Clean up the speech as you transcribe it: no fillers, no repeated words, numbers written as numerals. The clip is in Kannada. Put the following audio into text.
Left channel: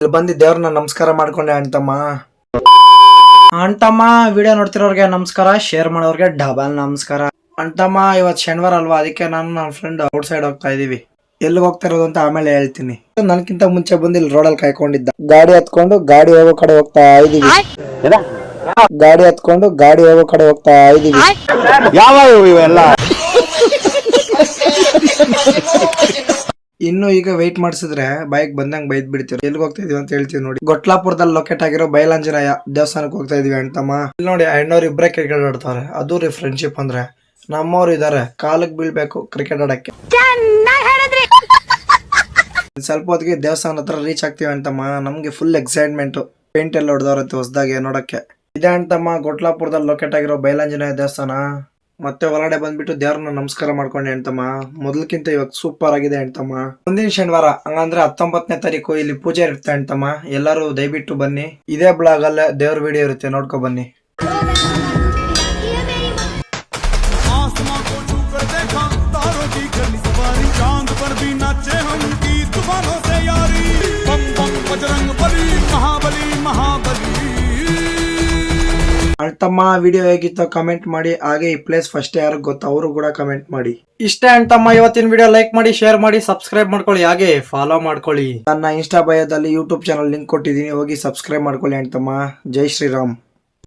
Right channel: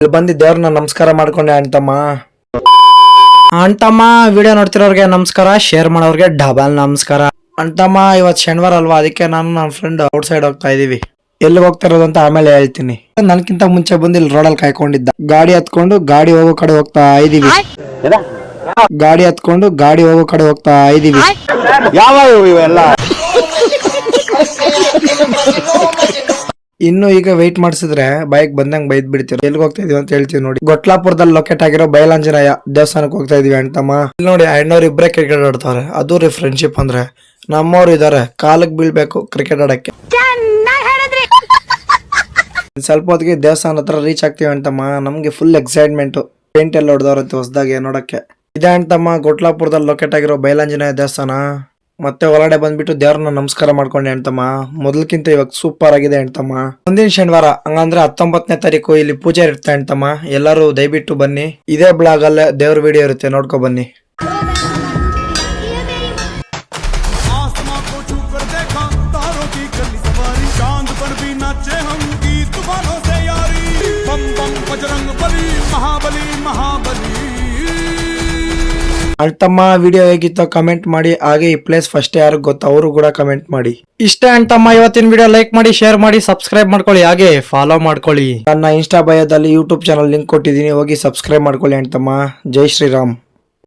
ಇಲ್ಲಿ ಬಂದು ದೇವ್ರನ್ನ ನಮಸ್ಕಾರ ಮಾಡ್ಕೊಂಡೆ ಅಂತಮ್ಮ. ಅಂತಮ್ಮ ವಿಡಿಯೋ ನೋಡ್ತಿರೋರ್ಗೆ ನಮಸ್ಕಾರ, ಶೇರ್ ಮಾಡೋರ್ಗೆ ಡಬಲ್ ನಮಸ್ಕಾರ. ಅಂತಮ್ಮ ಇವತ್ತು ಶನಿವಾರ ಅಲ್ವಾ, ಅದಕ್ಕೆ ನಾನು ನನ್ನ ಫ್ರೆಂಡ್ ಔಟ್ ಸೈಡ್ ಹೋಗ್ತಾ ಇದೀವಿ. ಎಲ್ಲಿ ಹೋಗ್ತಾ ಇರೋದು ಅಂತ ಆಮೇಲೆ ಹೇಳ್ತೀನಿ. ನನ್ಕಿಂತ ಮುಂಚೆ ಬಂದು ಇಲ್ಲಿ ರೋಡಲ್ಲಿ ಕಾಯ್ಕೊಂಡಿದ್ದ. ಗಾಡಿ ಹತ್ಕೊಂಡು ಗಾಡಿ ಹೋಗೋ ಕಡೆ ಹೋಗ್ತಾ ಇದೀವಿ. ಗಾಡಿ ಹತ್ಕೊಂಡು ಗಾಡಿ ಹೋಗೋ ಕಡೆ ಹೋಗ್ತಾ ಇದೀವಿ. ಇನ್ನು ಈಗ ವೆಯ್ಟ್ ಮಾಡಿಸಿದ್ರೆ ಬೈಕ್ ಬಂದಂಗ್ ಬೈದ್ ಬಿಡ್ತೀರ. ಎಲ್ಲಿಗೆ ಹೋಗ್ತಾ ಇದೀವಿ ಅಂತ ಹೇಳ್ತೀವಿ ನೋಡಿ. ಗೊಟ್ಲಾಪುರದಲ್ಲಿ ಲೊಕೇಟ್ ಆಗಿರೋ ಬಯಲಾಂಜನೇಯ ದೇವಸ್ಥಾನಕ್ಕೆ ಹೋಗ್ತಾ ಇದೀವಿ ಅಂತಮ್ಮ. ಇಲ್ಲಿ ನೋಡಿ ಅಣ್ಣವ್ರು ಇಬ್ಬರೇ ಕ್ರಿಕೆಟ್ ಆಡ್ತಾರೆ. ಅದು ರೀ ಫ್ರೆಂಡ್ಶಿಪ್ ಅಂದ್ರೆ. ನಮ್ಮವ್ರು ಇದಾರೆ, ಕಾಲಕ್ಕೆ ಬೀಳ್ಬೇಕು ಕ್ರಿಕೆಟ್ ಆಡಕ್ಕೆ. ಸ್ವಲ್ಪ ಹೊತ್ತಿಗೆ ದೇವಸ್ಥಾನ ಹತ್ರ ರೀಚ್ ಆಗ್ತೀವಿ ಅಂತಮ್ಮ. ನಮ್ಗೆ ಫುಲ್ ಎಕ್ಸೈಟ್ಮೆಂಟ್. ಪೇಂಟ್ ಎಲ್ಲ ಹೊಡೆದವ್ರಂತೆ ಹೊಸದಾಗಿ ನೋಡಕ್ಕೆ. ಇದೆ ಅಂತಮ್ಮ ಗೊಟ್ಲಾಪುರದಲ್ಲಿ ಲೊಕೇಟ್ ಆಗಿರೋ ಬಯಲಾಂಜನೇಯ ದೇವಸ್ಥಾನ. ಮತ್ತೆ ಹೊರಗಡೆ ಬಂದ್ಬಿಟ್ಟು ದೇವ್ರನ್ನ ನಮಸ್ಕಾರ ಮಾಡ್ಕೊಂಡೆ ಅಂತಮ್ಮ. ಮೊದಲಕ್ಕಿಂತ ಇವಾಗ ಸೂಪರ್ ಆಗಿದೆ ಅಂತಮ್ಮ. ಮುಂದಿನ ಶನಿವಾರ ಹಂಗಂದ್ರೆ 19ನೇ ತಾರೀಕು ಇಲ್ಲಿ ಪೂಜೆ ಇರುತ್ತೆ ಅಂತಮ್ಮ. ಎಲ್ಲರೂ ದಯವಿಟ್ಟು ಬನ್ನಿ. ಇದೇ ಬ್ಲಾಗ್ ಅಲ್ಲೇ ದೇವ್ರ ವಿಡಿಯೋ ಇರುತ್ತೆ, ನೋಡ್ಕೊ ಬನ್ನಿ. चांद पर भी नाचे हम गीत तूफानों से यारी बम बम बजरंग बली महाबली महाबली. ಅಂತಮ್ಮ ವಿಡಿಯೋ ಹೇಗಿತ್ತು ಕಮೆಂಟ್ ಮಾಡಿ. ಹಾಗೆ ಈ ಪ್ಲೇಸ್ ಫಸ್ಟ್ ಯಾರು ಗೊತ್ತ ಅವರು ಕೂಡ ಕಮೆಂಟ್ ಮಾಡಿ. ಇಷ್ಟೇ ಅಂತಮ್ಮ ಇವತ್ತಿನ ವಿಡಿಯೋ. ಲೈಕ್ ಮಾಡಿ, ಶೇರ್ ಮಾಡಿ, ಸಬ್ಸ್ಕ್ರೈಬ್ ಮಾಡ್ಕೊಳ್ಳಿ, ಹಾಗೆ ಫಾಲೋ ಮಾಡ್ಕೊಳ್ಳಿ. ನನ್ನ ಇನ್ಸ್ಟಾ ಬಯೋದಲ್ಲಿ ಯೂಟ್ಯೂಬ್ ಚಾನಲ್ ಲಿಂಕ್ ಕೊಟ್ಟಿದ್ದೀನಿ, ಹೋಗಿ ಸಬ್ಸ್ಕ್ರೈಬ್ ಮಾಡ್ಕೊಳ್ಳಿ ಅಂತಮ್ಮ. ಜೈ ಶ್ರೀರಾಮ್.